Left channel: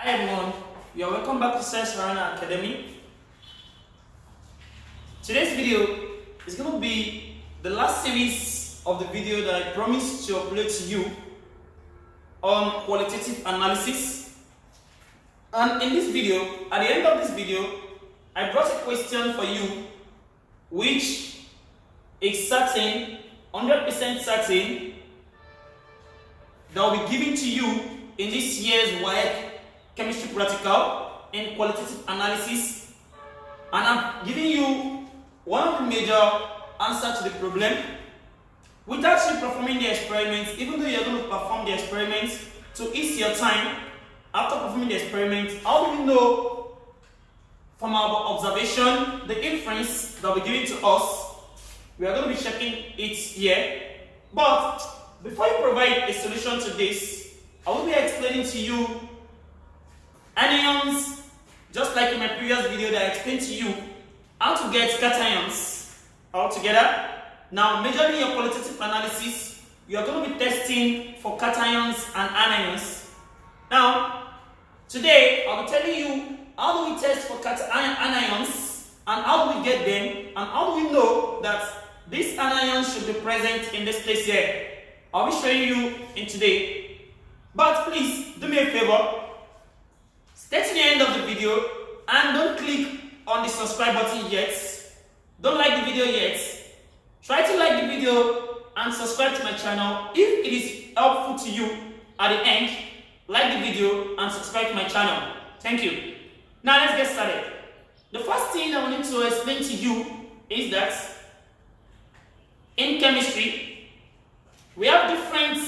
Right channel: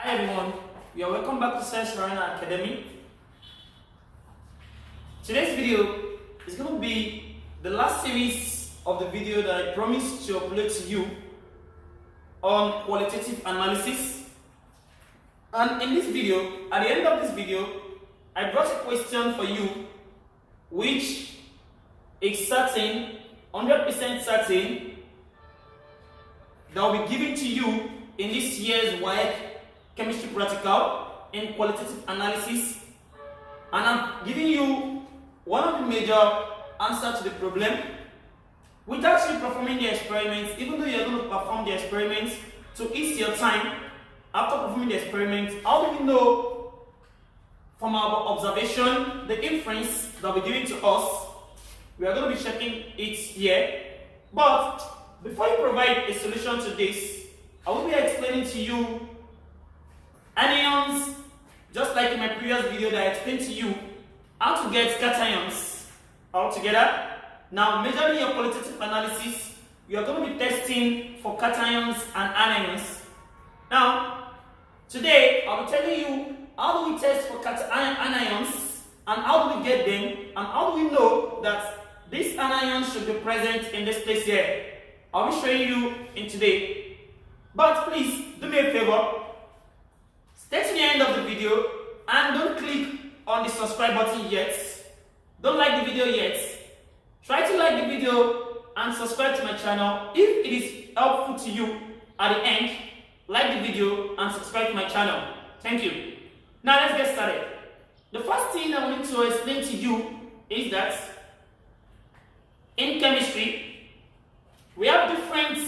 Hi everyone, you are welcome back to Science Runner Academy. Today's video is going to be the last series of the video that I promised to upload to you on qualitative analysis. And in this video, at the end of this video, I brought a question for you which is certain, 100% certain, that will be given to you in this year's Waec chemistry practical in qualitative analysis, and I'm giving you one of the major answers to the problem without you performing the experiments. Even though you're going to perform the experiments to ease your time after performing the experiments, how do we know from our observation the inference that will be given to us? We are going to be checking it here. But before you provide a solution to this, I will be explaining to you anions, just like in my previous video that I explained to you how to get cations all together. Now, majorly in your qualitative analysis, you are going to be testing for cations and anions. Now, today I'll be telling you how do we test for anions and how do we get them and how do we know that these anions should be present in this place here. I'll be showing you in today. But please do me a favor. Stay to the end of the video and don't click on the subscribe button yet. Don't like the video yet. Try to like the video and subscribe to my channel. If it is helpful to you at the end, like the video and subscribe to my channel. Thank you. Now let's get started. The first thing I want to explain to you is that in chemistry, we have different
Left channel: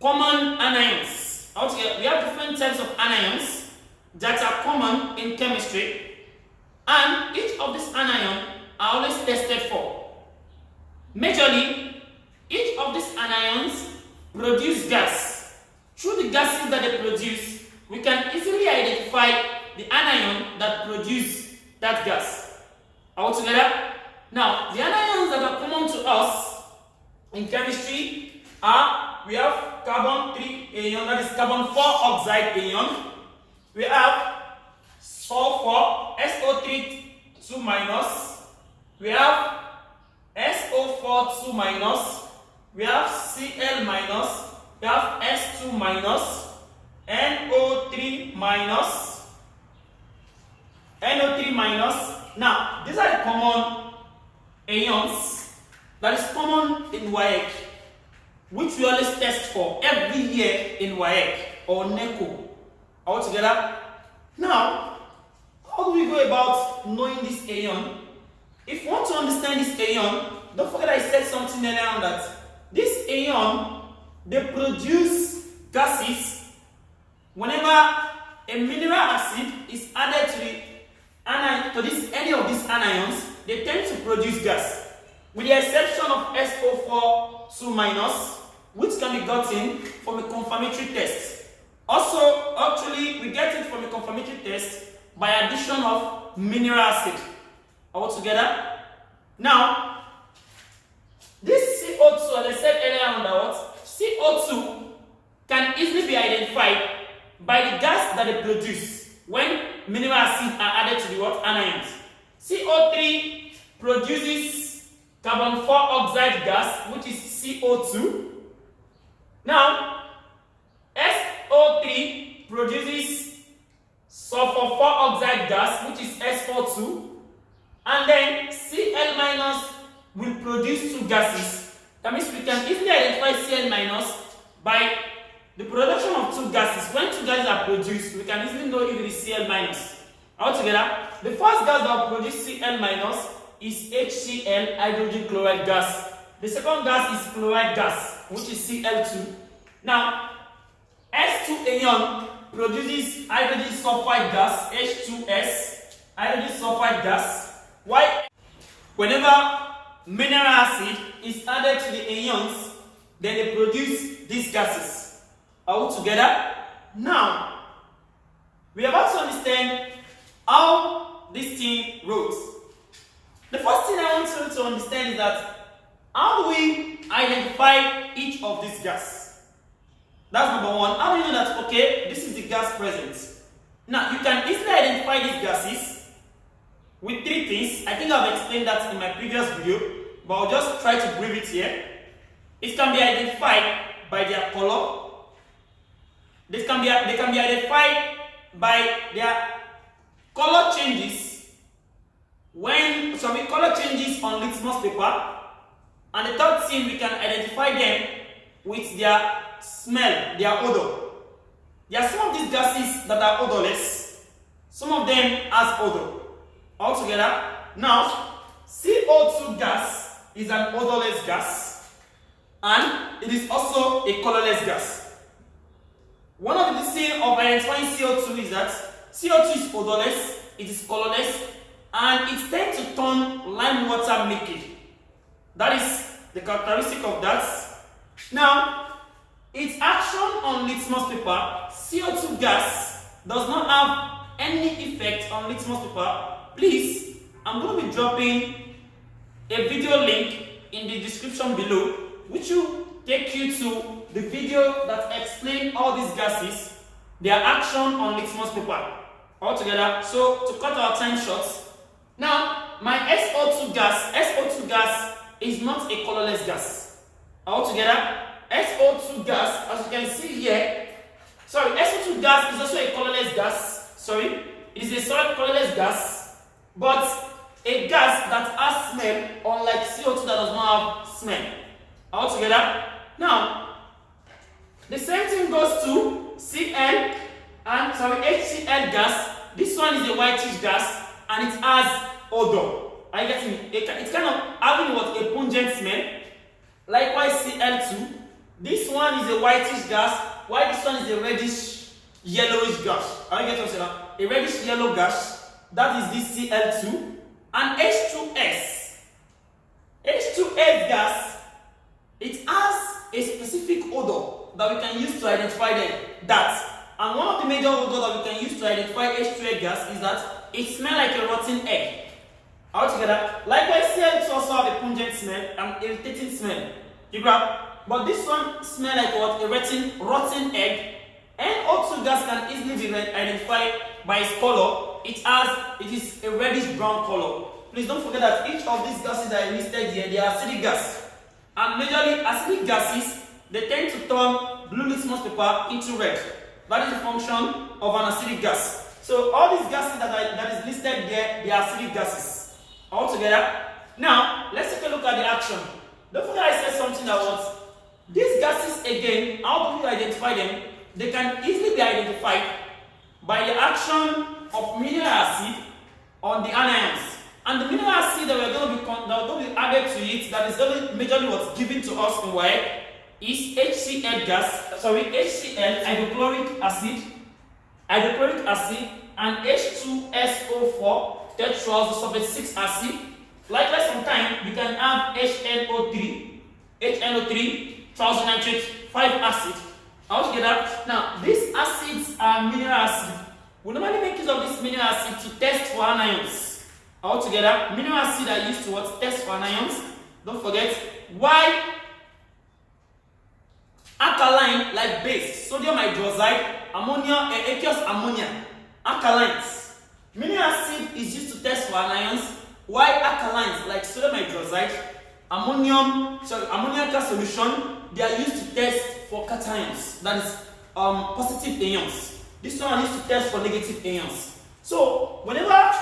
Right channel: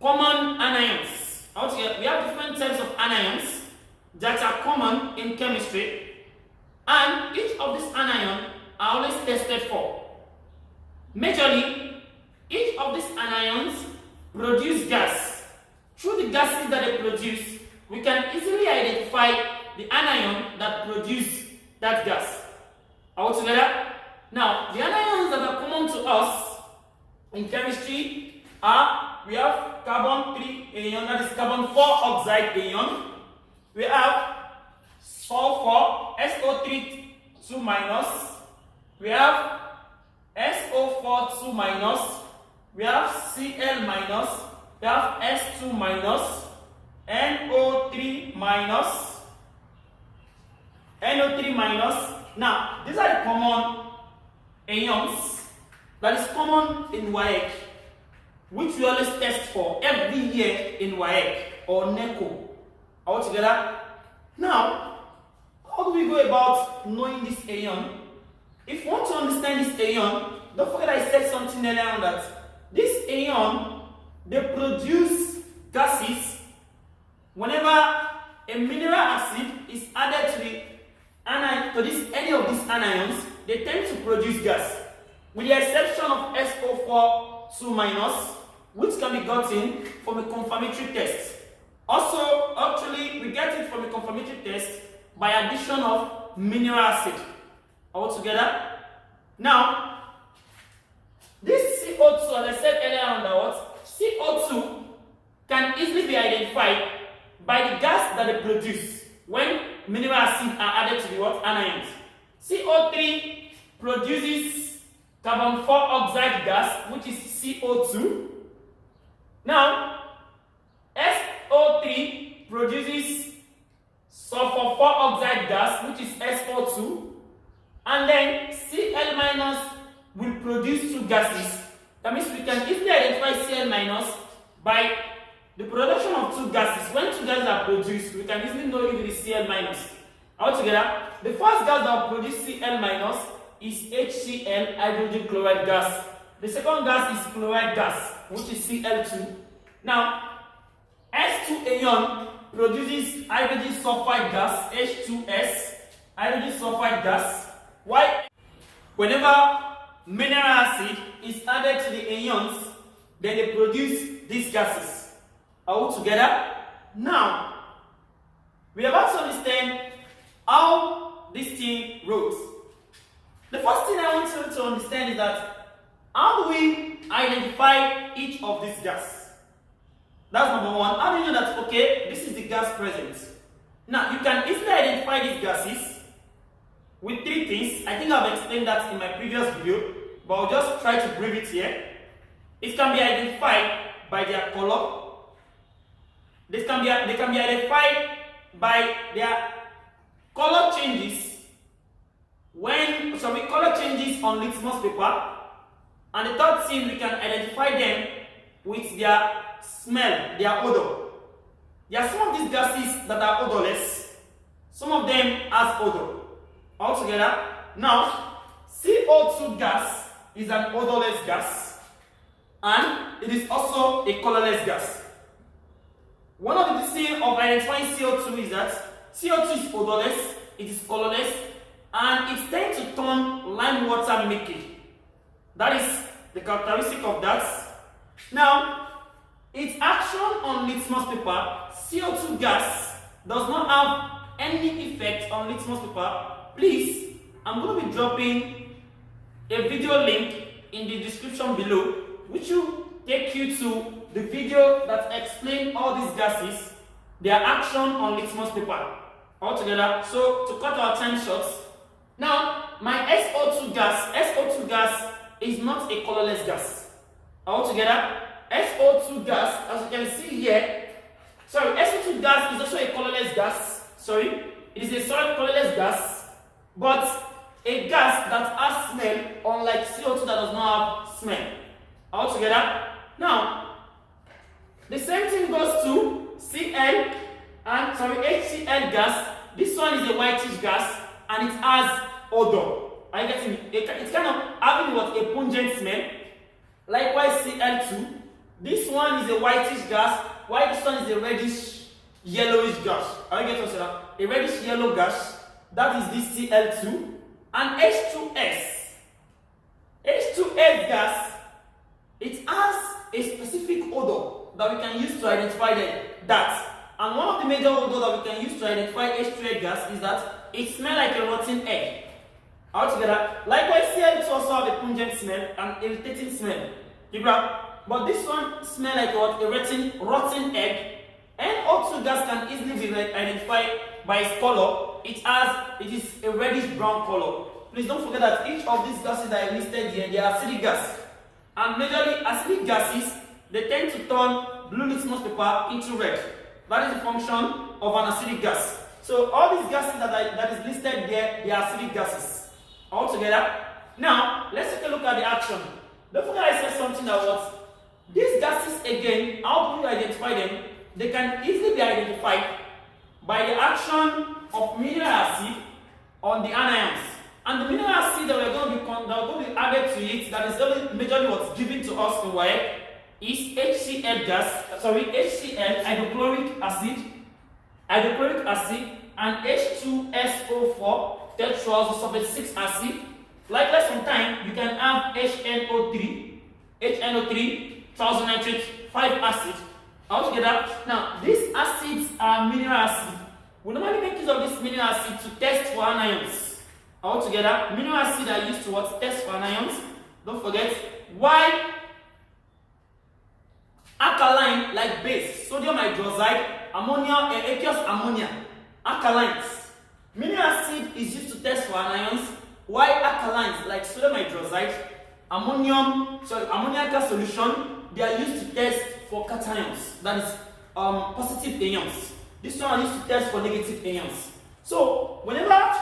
common anions. We have different types of anions that are common in chemistry, and each of these anions are always tested for. Majorly, each of these anions produce gas. Through the gases that they produce, we can easily identify the anion that produces that gas. All together? Now, the anions that are common to us in chemistry are, we have carbon 3 anion, that is carbon 4 oxide anion. We have sulfur, SO3 2 minus. We have SO4 2 minus. We have Cl minus. We have S2 minus. NO3 minus. NO3 minus. Now, these are the common anions that is common in Waec, which we always test for every year in Waec or NECO. All together? Now, how do we go about knowing this anion? If you want to understand this anion, don't forget I said something earlier on that this anion, they produce gases whenever a mineral acid is added to any of these anions. They tend to produce gas, with the exception of SO4 2 minus, which can be gotten from a confirmatory test. Also, actually, we get it from a confirmatory test by addition of mineral acid. All together? Now, this CO2, as I said earlier on, that CO2 can easily be identified by the gas that they produce when mineral acids are added to the anions. CO3 produces carbon 4 oxide gas, which is CO2. Now, SO3 produces sulfur 4 oxide gas, which is SO2. And then Cl minus will produce two gases. That means we can easily identify Cl minus by the production of two gases. When two gases are produced, we can easily know if it is Cl minus. Altogether, the first gas that will produce Cl minus is HCl, hydrogen chloride gas. The second gas is chloride gas, which is Cl2. Now, S2 anion produces hydrogen sulfide gas, H2S, hydrogen sulfide gas. Why? Whenever mineral acid is added to the anions, then they produce these gases. All together? Now, we are about to understand how this thing rolls. The first thing I want you to understand is that how do we identify each of these gases? That's number one. How do you know that, okay, this is the gas present. Now, you can easily identify these gases with three things. I think I've explained that in my previous video, but I'll just try to brief it here. It can be identified by their color. They can be identified by their color changes color changes on litmus paper. And the third thing, we can identify them with their smell, their odor. There are some of these gases that are odorless. Some of them has odor. Altogether, now, CO2 gas is an odorless gas, and it is also a colorless gas. One of the things of identifying CO2 is that CO2 is odorless, it is colorless, and it tends to turn lime water milky. That is the characteristic of that. Now, its action on litmus paper, CO2 gas does not have any effect on litmus paper. Please, I'm going to be dropping a video link in the description below, which will take you to the video that explains all these gases, their action on litmus paper. Altogether, so to cut our time short, now my SO2 gas is not a colorless gas. Altogether, SO2 gas, as you can see here, SO2 gas is also a colorless gas. It is a solid colorless gas, but a gas that has smell, unlike CO2 that does not have smell. Altogether, now the same thing goes to HCl gas. This one is a whitish gas and it has odor. Are you getting it? It's kind of having a pungent smell. Likewise, Cl2. This one is a whitish gas, while this one is a reddish yellowish gas. Are you getting it? A reddish yellow gas. That is this Cl2. And H2S. H2S gas, it has a specific odor that we can use to identify that. And one of the major odors that we can use to identify H2S gas is that it smells like a rotten egg. Altogether, likewise, Cl2 also have a pungent smell and irritating smell. But this one smells like a rotten egg. NO2 gas can easily be identified by its color. It is a reddish brown color. Please don't forget that each of these gases that I listed here, they are acidic gas. And majorly acidic gases, they tend to turn blue litmus paper into red. That is the function of an acidic gas. So all these gases that is listed here, they are acidic gases. Altogether. Now, let's take a look at the action. Don't forget I said something that these gases again, how do you identify them? They can easily be identified by the action of mineral acid on the anions. And the mineral acid that we're going to be added to it, that is majorly what's given to us in Waec, is HCl hydrochloric acid, and H2SO4 tetraoxosulfate 6 acid. Likewise, sometimes you can have HNO3 triazonitrate 5 acid. Altogether, now these acids are mineral acid. We normally make use of this mineral acid to test for anions. Altogether, mineral acid are used to test for anions. Don't forget. Why alkaline like base, sodium hydroxide, ammonia, aqueous ammonia, alkalines. Mineral acid is used to test for anions, while alkalines like sodium hydroxide, ammoniacal solution, they are used to test for cations, that is positive ions. This one is used to test for negative ions. So whenever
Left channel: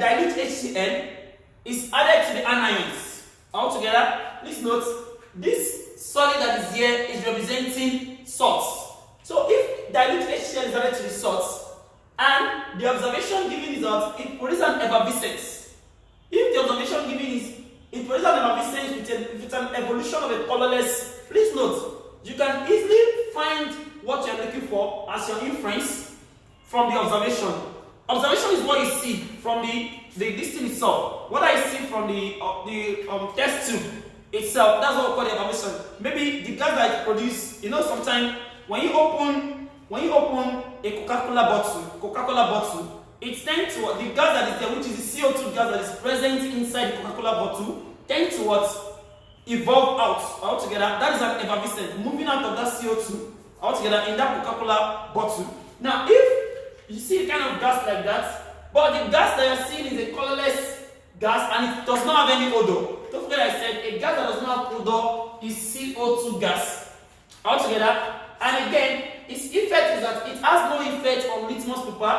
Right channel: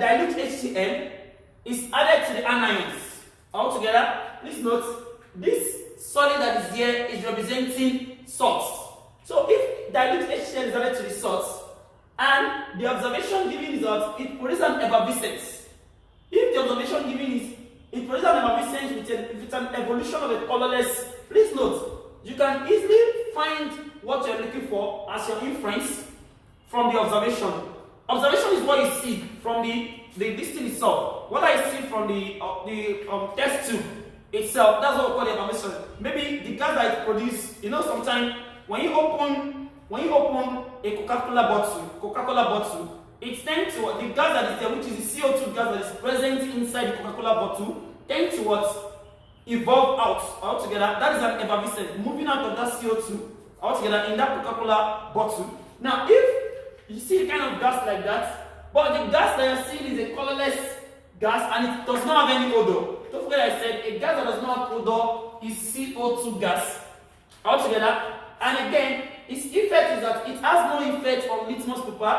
dilute HCl is added to the anions. Altogether, please note this solid that is here is representing salts. So if dilute HCl is added to the salts, and the observation given is that it produces an effervescence. If the observation given is it produces an effervescence with an evolution of a colorless, please note, you can easily find what you're looking for as your inference from the observation. Observation is what you see from the listing itself. What I see from the test tube itself, that's what we call the effervescence. Maybe the gas that it produces, sometimes when you open a Coca-Cola bottle, it tends to the gas that is there, which is the CO2 gas that is present inside the Coca-Cola bottle, tends to evolve out altogether. That is an effervescent moving out of that CO2 altogether in that Coca-Cola bottle. Now, if you see a kind of gas like that, but the gas that you're seeing is a colorless gas and it does not have any odor. Don't forget I said a gas that does not have odor is CO2 gas altogether. And again, its effect is that it has no effect on litmus paper,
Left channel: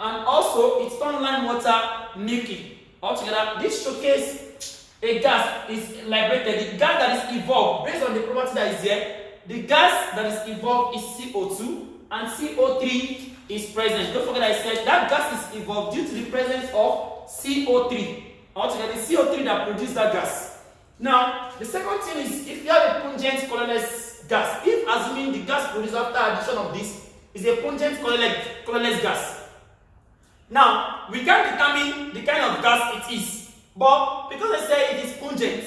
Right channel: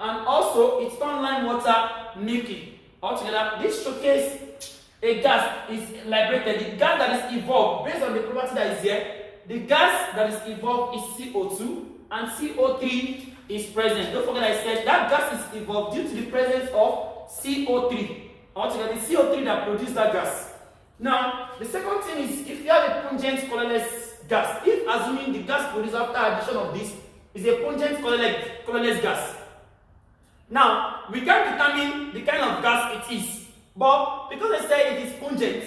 and also it turns lime water milky altogether. This showcases a gas is liberated. The gas that is evolved based on the property that is here. The gas that is evolved is CO2 and CO3 is present. Don't forget I said that gas is evolved due to the presence of CO3. Altogether, the CO3 that produces that gas. Now, the second thing is if you have a pungent colorless gas, if assuming the gas produced after addition of this is a pungent colorless gas. Now, we can determine the kind of gas it is, but because I say it is pungent,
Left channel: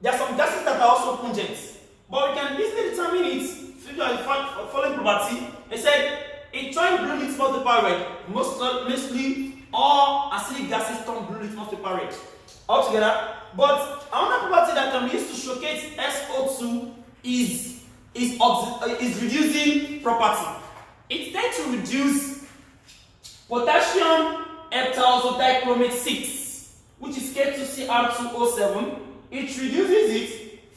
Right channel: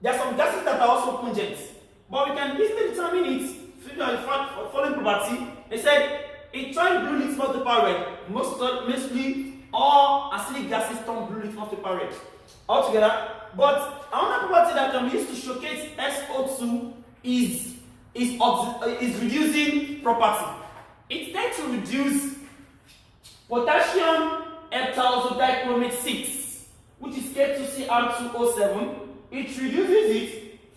there are some gases that are also pungent, but we can easily determine it through the following property. They said it turns blue litmus paper red. Mostly all acidic gases turn blue litmus paper red altogether. But another property that can be used to showcase SO2 is reducing property. It tends to reduce potassium heptazodichromate 6, which is K2Cr2O7. It reduces it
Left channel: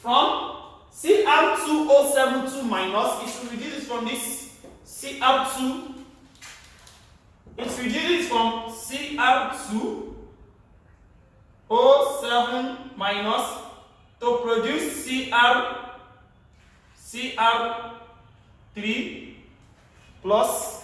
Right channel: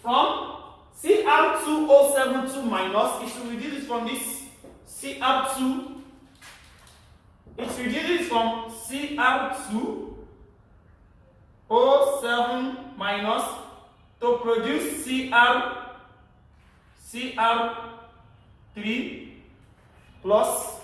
from Cr2O72 minus. It will reduce it from this Cr2. It reduces from Cr2O7 minus to produce Cr3 plus.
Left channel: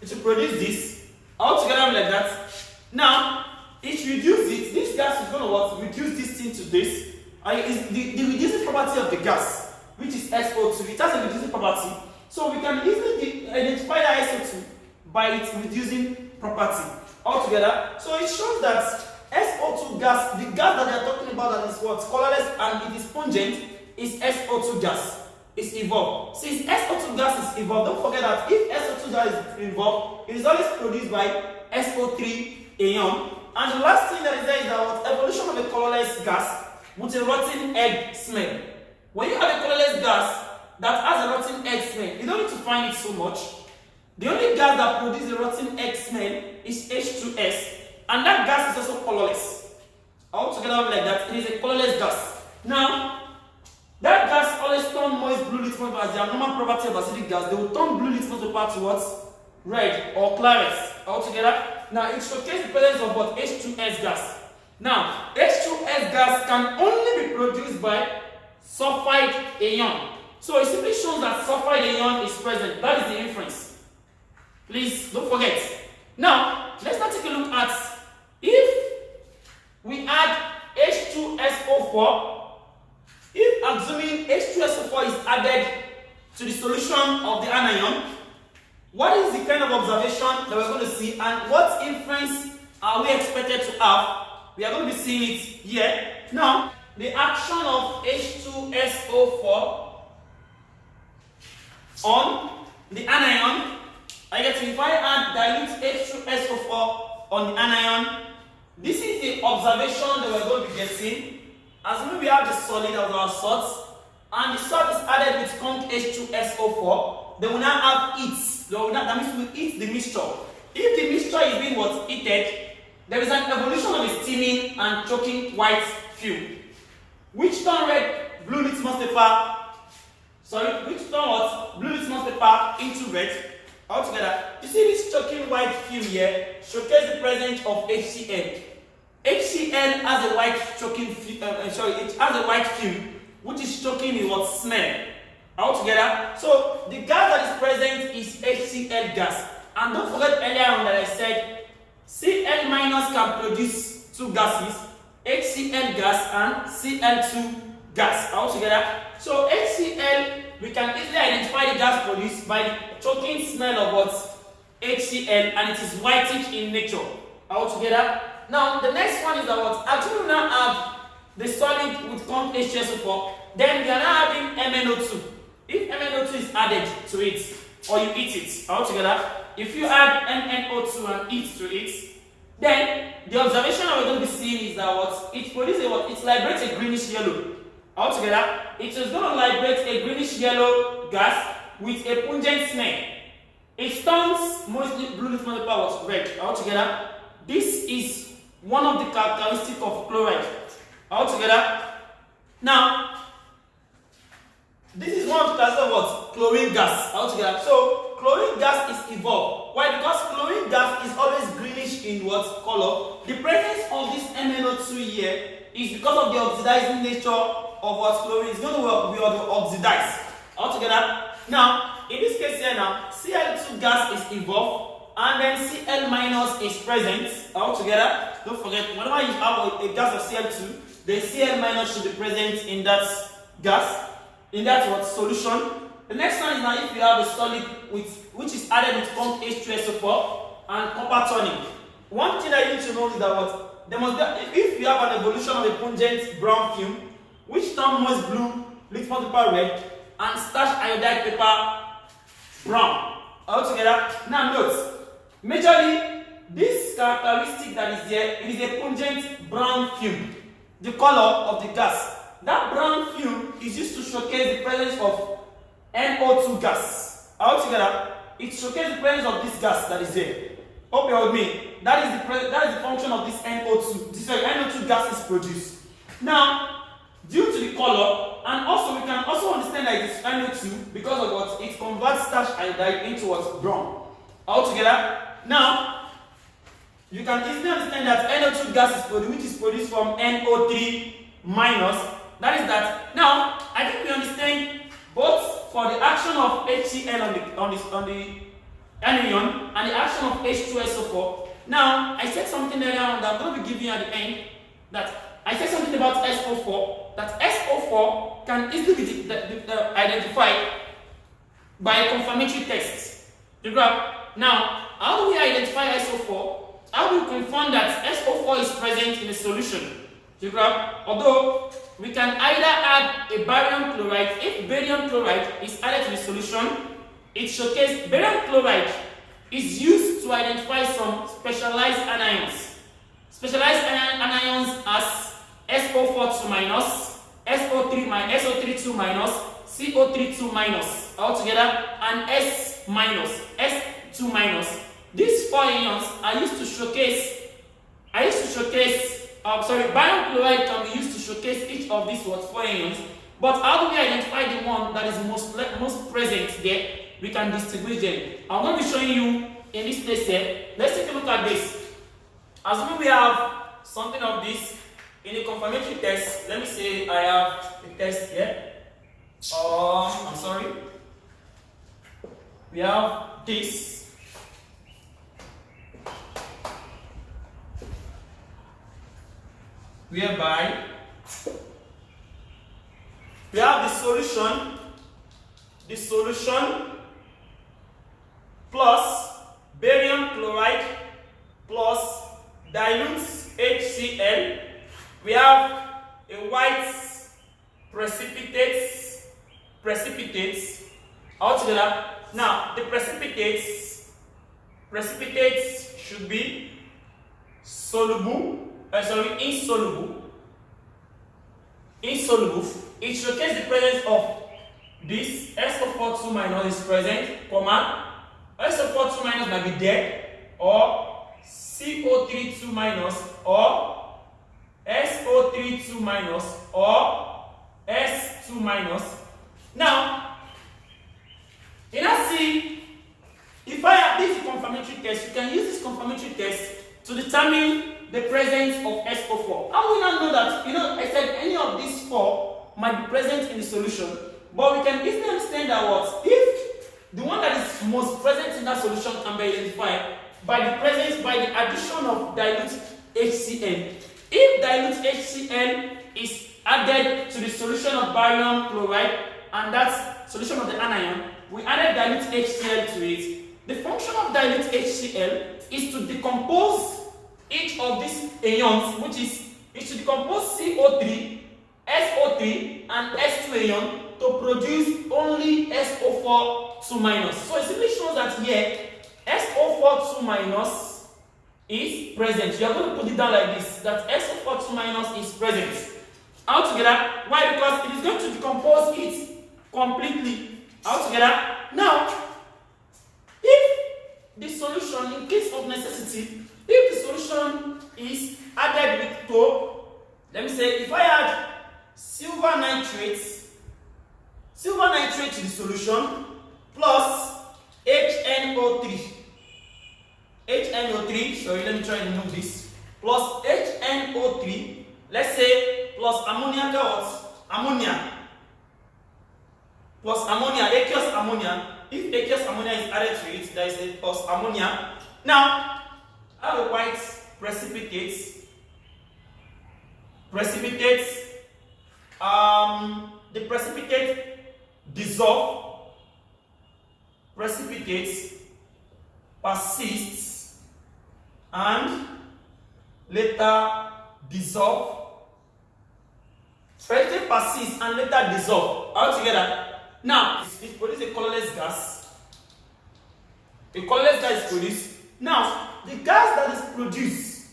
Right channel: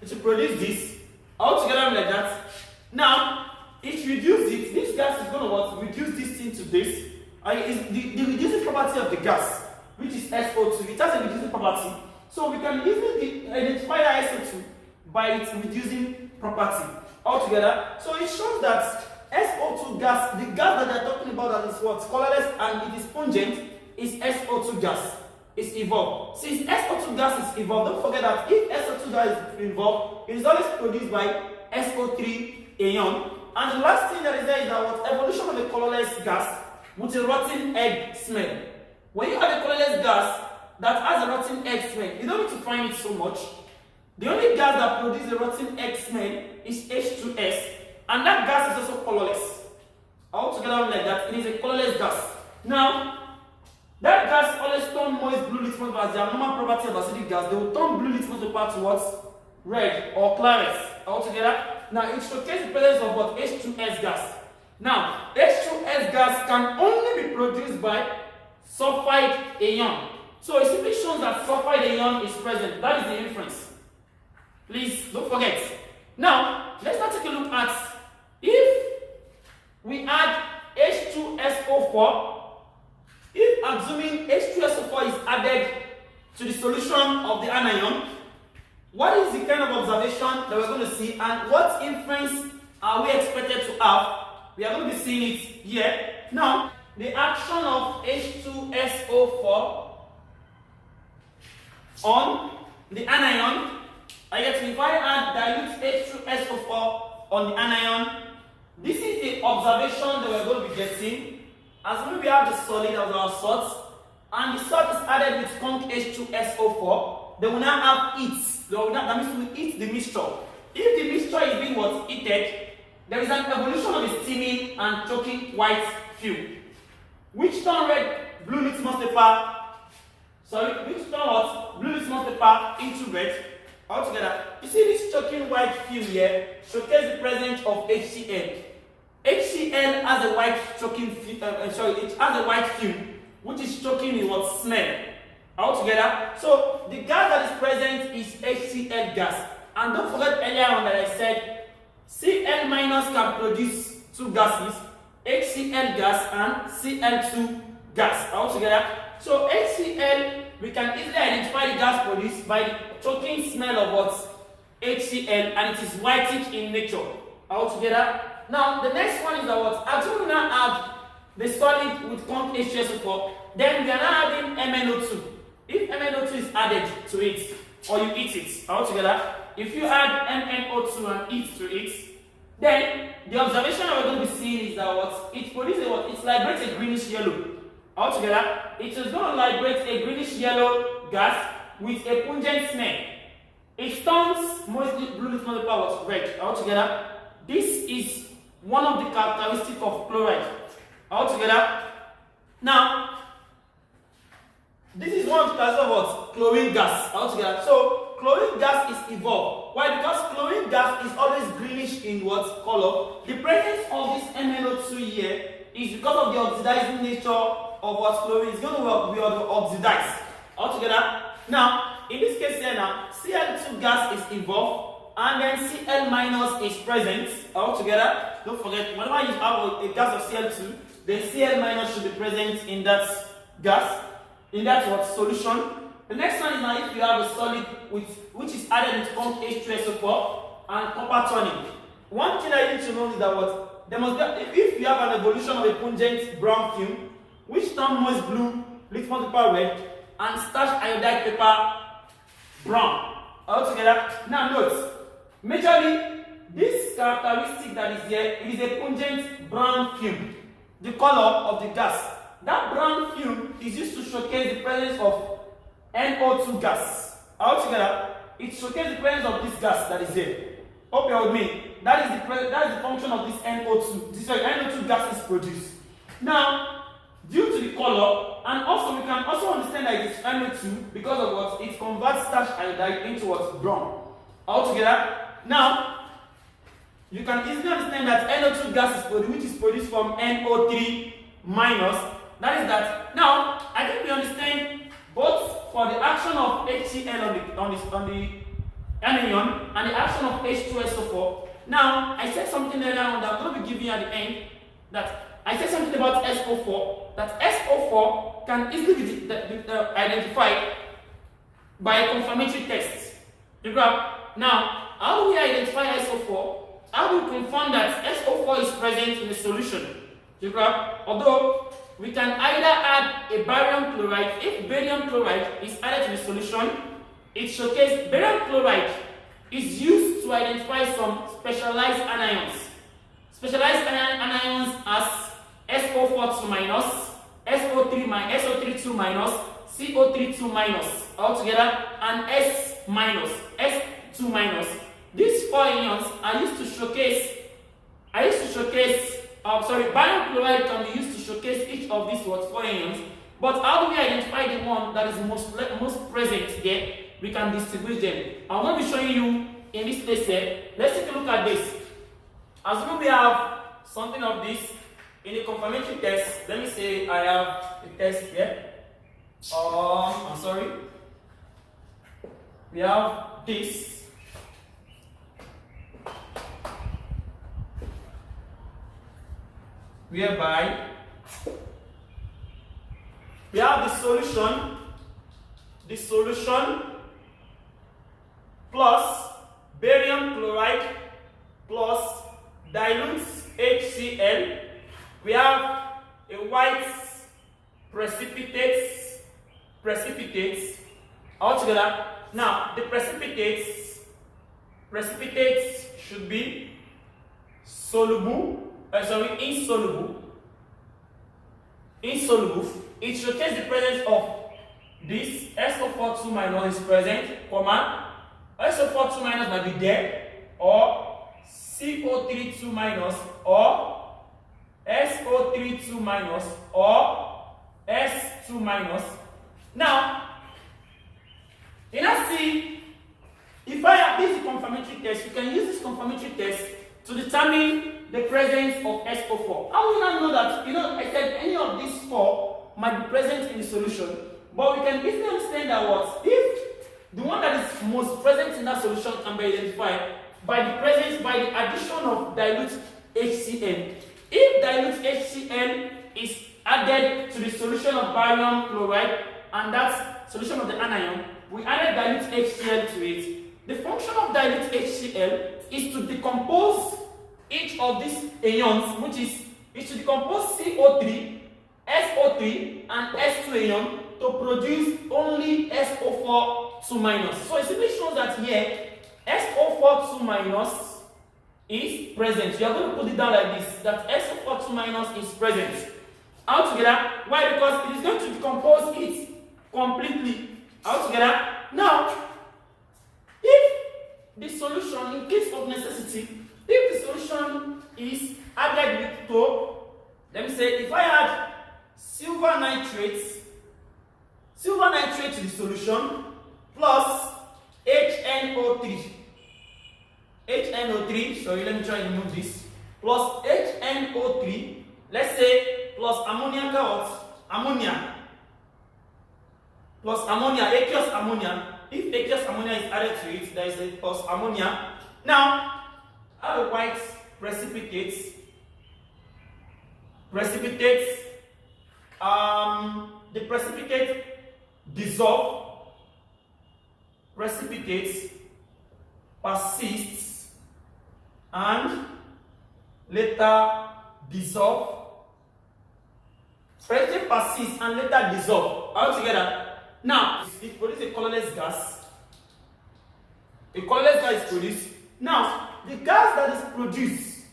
It will produce this altogether like that. Now, it reduces it. This gas is going to what? Reduce this thing to this. Is the reducing property of the gas, which is SO2. It has a reducing property. So we can easily identify that SO2 by its reducing property altogether. So it shows that SO2 gas, the gas that they are talking about that is what? Colorless and it is pungent, is SO2 gas. Is evolved. Since SO2 gas is evolved, don't forget that if SO2 gas is evolved, it is always produced by SO3 Anion. And the last thing that is there is that what? Evolution of a colorless gas with a rotten egg smell. When you have a colorless gas that has a rotten egg smell, you don't need to find it so much. The only gas that produces a rotten egg smell is H2S, and that gas is also colorless. Altogether like that, it is a colorless gas. Now, that gas always turns moist blue litmus paper as their normal property of acidic gas. They will turn blue litmus paper towards red or claret altogether. Now, it showcases the presence of what? H2S gas. Now, H2S gas can only be produced by sulfide anion. So it simply shows that sulfide anion is present. That is the inference. Please don't forget. Now, let's now take a look at if we add H2SO4. If assuming H2SO4 is added to the solution of the anion, what is the kind of observation that we're going to see and what inference are we expected to have? We are going to be seeing it here. Now, the action of H2SO4 on the anion, I get to, if I add dilute H2SO4 on the anion, this is the observation that we're going to be getting. As we have the solid of our salt, and the salt is added with conc H2SO4, they will now have heat. That means we heat the mixture. If the mixture is being what? Heated, there is an evolution of a steaming and choking white fume, which turn blue litmus paper into red altogether. You see this choking white fume here showcase the presence of HCl. HCl has a white choking it has a white fume, which is choking in what? Smell altogether. So the gas that is present is HCl gas. And don't forget earlier on that I said Cl minus can produce two gases, HCl gas and Cl2 gas altogether. So HCl, we can easily identify the gas produced by the choking smell of what? HCl, and it is whitish in nature altogether. Now the next one is that what? Actually we now add the solid with conc H2SO4, then we are now adding MnO2. If MnO2 is added to it, or you eat it altogether, if you add MnO2 and eat to it, then the observation that we're going to be seeing is that what? It produces what? It liberates a greenish yellow Altogether, it is going to liberate a greenish yellow gas with a pungent smell. It turns mostly blue litmus paper was red. Altogether, this is one of the characteristics of chloride. Altogether, now this is one of the characteristics of what? Chlorine gas. Altogether, so chlorine gas is evolved. Why? Because chlorine gas is always greenish in what color? The presence of this MnO2 here is because of the oxidizing nature of what chlorine is going to be oxidized. Altogether, now in this case here now, Cl2 gas is evolved and then Cl minus is present. Altogether, don't forget, whenever you have a gas of Cl2, then Cl minus should be present in that gas, in that what solution. The next one is now if you have a solid which is added with pump H2SO4 and copper turning. One thing that you need to know is that what there must be, if you have an evolution of a pungent brown film which turns most blue, litmus paper red, and starch iodide paper brown. Altogether, now note, majorly this characteristic that is there, it is a pungent brown film, the color of the gas. That brown film is used to showcase the presence of NO2 gas. Altogether, it showcases the presence of this gas that is there. Hope you're with me. That is the function of this NO2. This NO2 gas is produced. Now, due to the color, and also we can also understand that it is NO2 because of what it converts starch iodide into what brown. Altogether, now you can easily understand that NO2 gas is produced, which is produced from NO3 minus. That is that. Now, I think we understand both for the action of HCl on the anion and the action of H2SO4. Now, I said something earlier on that I'm going to be giving you at the end. That I said something about SO4. That SO4 can easily be identified by a confirmatory test. The graph. Now, how do we identify SO4? How do we confirm that SO4 is present in a solution? The graph. Although we can either add a barium chloride. If barium chloride is added to the solution, it showcases barium chloride is used to identify some specialized anions. Specialized anions as SO4 2 minus, SO3 2 minus, CO3 2 minus altogether, and S minus, S2 minus. These four ions are used to showcase. Barium chloride can be used to showcase each of these four ions. But how do we identify the one that is most present there? We can distinguish them. I'm going to be showing you in this place here. Let's take a look at this. Assuming we have something of this in a confirmatory test. Let me say I have the test here. I'm sorry. We have this. Whereby we have the solution plus barium chloride plus dilute HCl. We have a white precipitates altogether. Now the precipitates should be insoluble. It showcases the presence of this SO4 2 minus is present, comma, SO4 2 minus might be there, or CO3 2 minus, or SO3 2 minus, or S2 minus. Now, you now see, if I have this confirmatory test, you can use this confirmatory test to determine the presence of SO4. How will we now know that? I said any of these four might be present in the solution, but we can easily understand that if the one that is most present in that solution can be identified by the addition of dilute HCl. If dilute HCl is added to the solution of barium chloride and that solution of the anion, we added dilute HCl to it. The function of dilute HCl is to decompose each of these ions, which is to decompose CO3, SO3, and S2 ion to produce only SO4 2 minus. So it simply shows that here SO4 2 minus is present. You are going to put it down like this, that SO4 2 minus is present. altogether. Why? Because it is going to decompose it completely altogether. Now, if the solution, in case of necessity, if the solution is added with to, let me say, if I add silver nitrate to the solution plus HNO3, sorry, let me try and remove this, plus HNO3, let's say, plus ammonia, plus ammonia, aqueous ammonia. If aqueous ammonia is added to it, there is a plus ammonia. Now, I have a white precipitate. The precipitate dissolve, precipitate persists and later dissolve. Precipitate persists and later dissolve altogether. Now, it produces a colorless gas. A colorless gas is produced. Now, the gas that is produced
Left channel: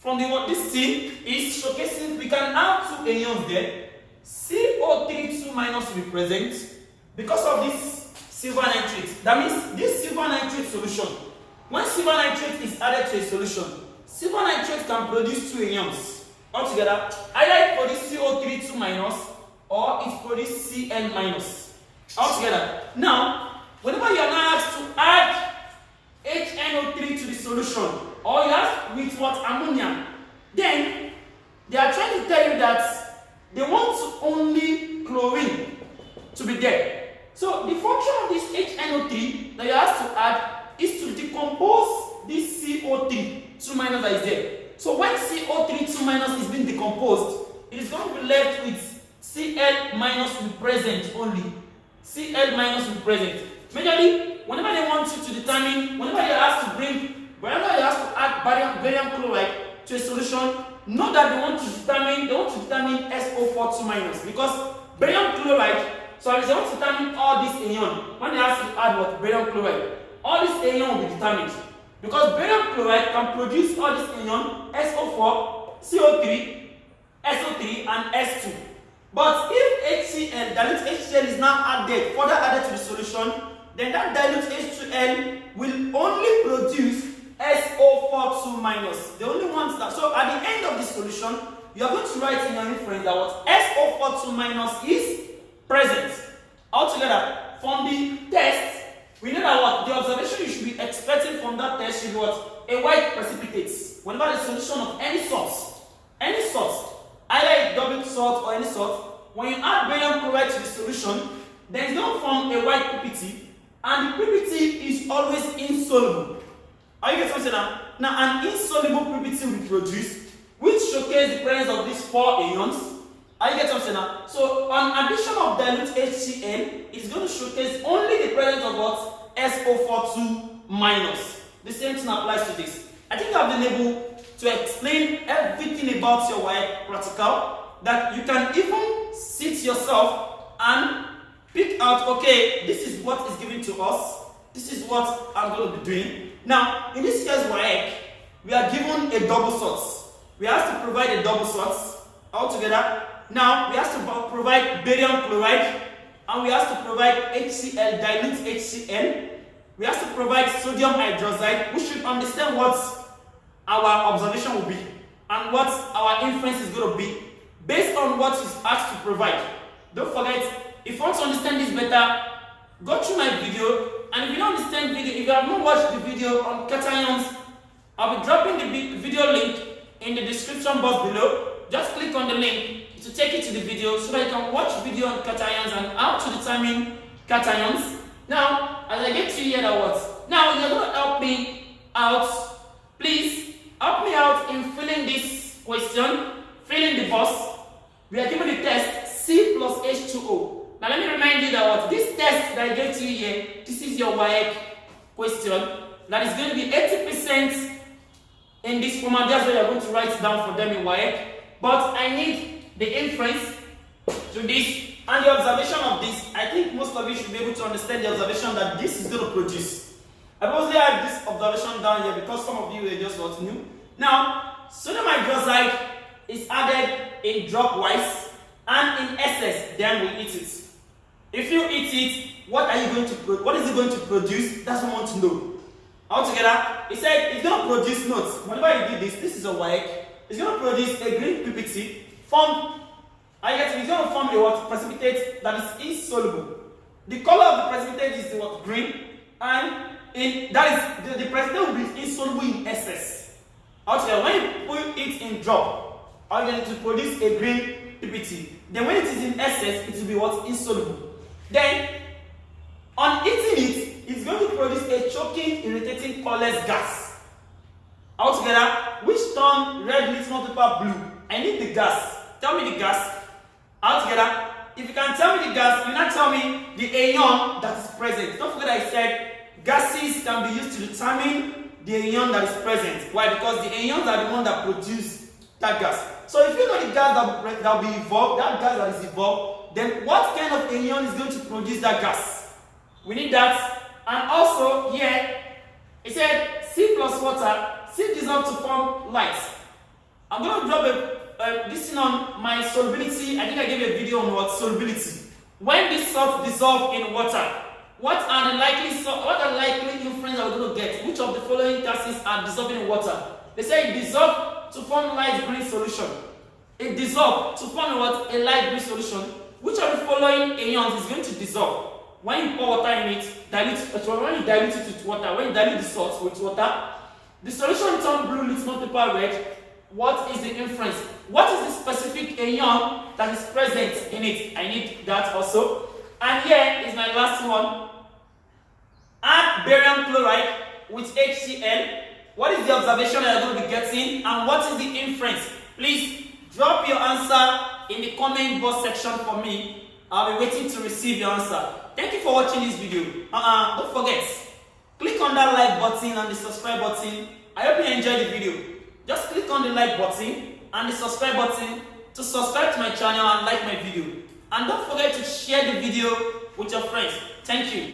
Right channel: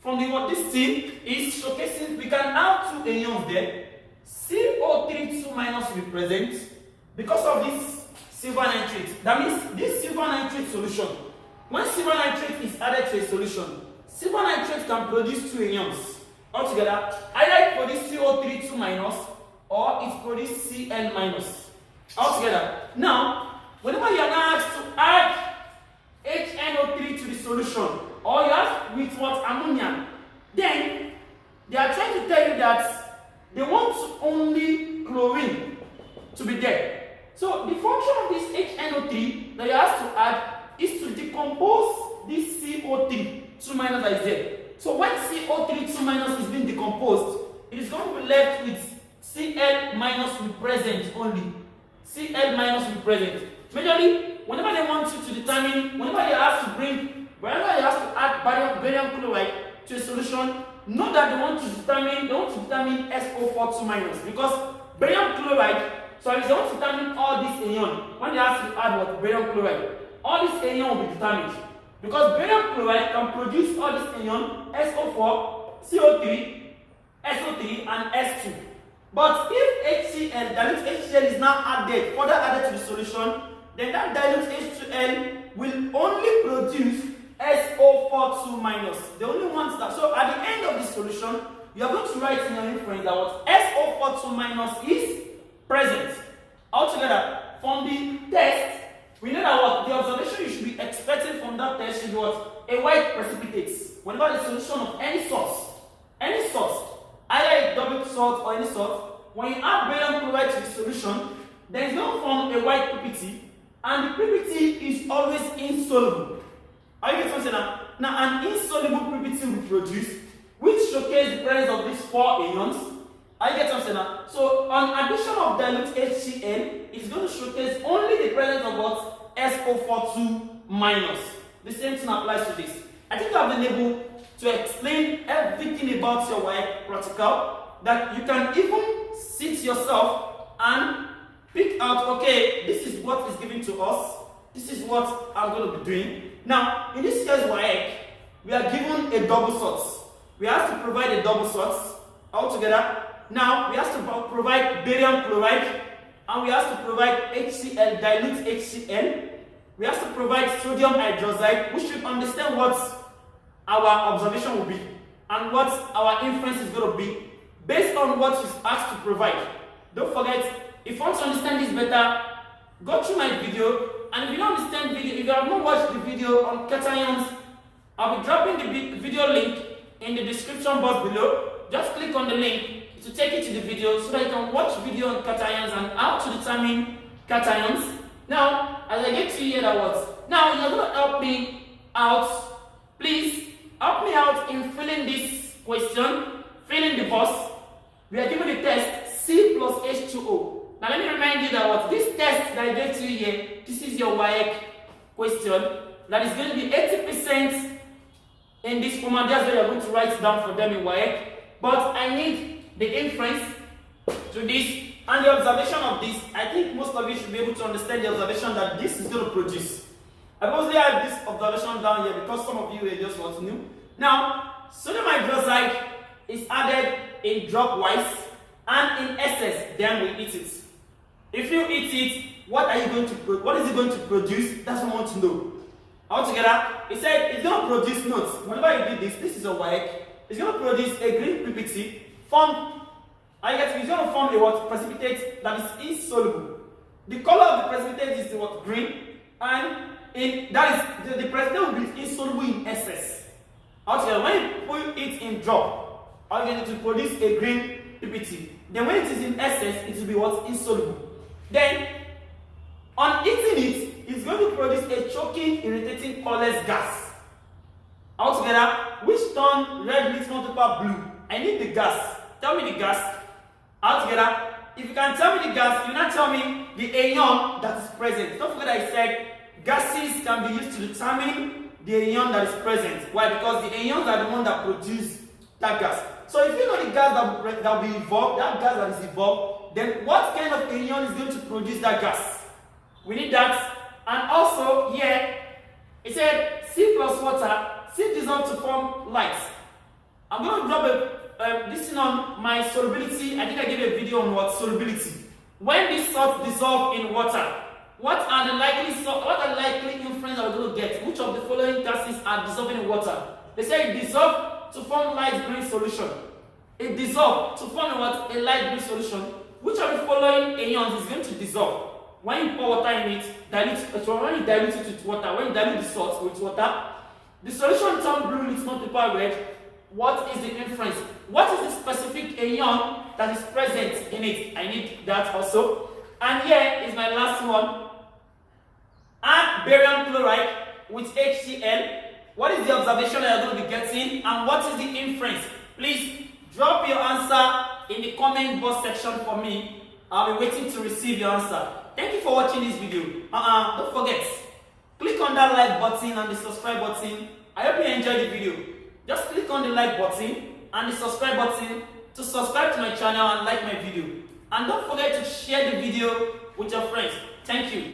from this thing is showcasing, we can have two anions there. CO3 2 minus will be present because of this silver nitrate. That means this silver nitrate solution, when silver nitrate is added to a solution, silver nitrate can produce two anions altogether. Either it produces CO3 2 minus or it produces Cl minus altogether. Now, whenever you are now asked to add HNO3 to the solution, or you have with what ammonia, then they are trying to tell you that they want only chlorine to be there. So the function of this HNO3 that you have to add is to decompose this CO3 2 minus that is there. So when CO3 2 minus is being decomposed, it is going to be left with Cl minus will be present only. Cl minus will be present. Majorly, whenever they want you to determine, whenever they ask to add barium chloride to a solution, know that they want to determine SO4 2 minus, because barium chloride, so if they want to determine all this anion, when they ask you to add what barium chloride, all this anion will be determined, because barium chloride can produce all this anion SO4, CO3, SO3 and S2. But if HCl, dilute HCl is now further added to the solution, then that dilute H2L will only produce SO4 2 minus. The only ones that, so at the end of this solution, you are going to write in your inference that what SO4 2 minus is present. Altogether, from the test, we know that what the observation you should be expecting from that test should be what a white precipitate. Whenever the solution of any salt, either a double salt or any salt, when you add barium chloride to the solution, then it's going to form a white PPT, and the PPT is always insoluble. Are you getting something now? Now, an insoluble PPT will be produced, which showcases the presence of these four anions. Are you getting something now? So, an addition of dilute HCl is going to showcase only the presence of what? SO4 2 minus. The same thing applies to this. I think I've been able to explain everything about your Waec practical, that you can even sit yourself and pick out, okay, this is what is given to us, this is what I'm going to be doing. Now, in this case, Waec, we are given a double source. We have to provide a double source altogether. Now, we have to provide barium chloride, and we have to provide HCl, dilute HCl. We have to provide sodium hydroxide. We should understand what our observation will be and what our inference is going to be based on what is asked to provide. Don't forget, if you want to understand this better, go through my video. And if you don't understand video, if you have not watched the video on cations, I'll be dropping the video link in the description box below. Just click on the link to take you to the video so that you can watch video on cations and how to determine cations. Now, as I get to hear that words, now you're going to help me out. Please help me out in filling this question, filling the box. We are given the test C plus H2O. Now let me remind you that what this test that I get to here, this is your Waec question. That is going to be 80% in this format. That's why you're going to write down for them in Waec. But I need the inference to this and the observation of this. I think most of you should be able to understand the observation that this is going to produce. I mostly have this observation down here because some of you are just not new. Now, sodium hydroxide is added in drop wise and in excess, then we eat it. If you eat it, what is it going to produce? That's what I want to know. Altogether, it said it's going to produce notes. Whenever you do this is a Waec. It's going to produce a green PPT formed. It's going to form a what? Precipitate that is insoluble. The color of the precipitate is what? Green, and the precipitate will be insoluble in excess. Altogether, when you put it in drop, are you going to produce a green PPT? Then when it is in excess, it will be what? Insoluble. Then, on eating it, it's going to produce a choking, irritating, colorless gas. Altogether, which turn red litmus paper blue. I need the gas. Tell me the gas. Altogether, if you can tell me the gas, you now tell me the anion that is present. Don't forget I said gases can be used to determine the anion that is present. Why? Because the anions are the one that produce that gas. So if you know the gas that will be evolved, that gas that is evolved, then what kind of anion is going to produce that gas? We need that. And also here, it said C plus water, C dissolve to form light. I'm going to drop this thing on my solubility. I think I gave a video on what solubility. When this salt dissolve in water, what are likely inference that we're going to get? Which of the following gases are dissolving in water? They say it dissolve to form light green solution. It dissolve to form what? A light green solution. Which of the following anions is going to dissolve? When you pour water in it, when you dilute it with water, when you dilute the salt with water, the solution turns blue, litmus paper red. What is the inference? What is the specific anion that is present in it? I need that also. And here is my last one. Add barium chloride with HCl. What is the observation that you're going to be getting? And what is the inference? Please drop your answer in the comment box section for me. I'll be waiting to receive your answer. Thank you for watching this video. Don't forget, click on that like button and the subscribe button. I hope you enjoyed the video. Just click on the like button and the subscribe button to subscribe to my channel and like my video. And don't forget to share the video with your friends. Thank you.